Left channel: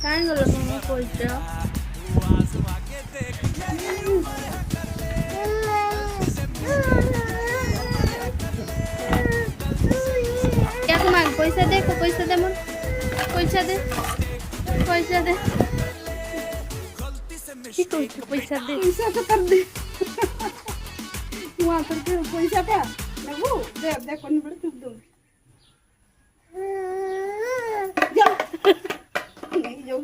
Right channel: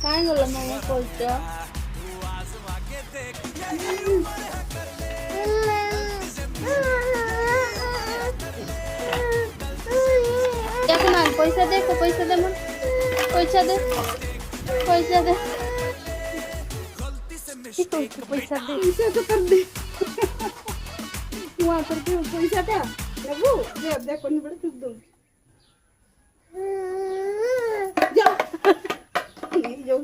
काय झालं मग कोयत्या एक माग पैसा दे को पैसा दे मग पैसा दे पैसा दे ठीक है पैसा दे पैसा तो कर दे वहाँ पर पैसा था लगू दे दे कौन बड़े तुम दो जाओ नहीं जाओ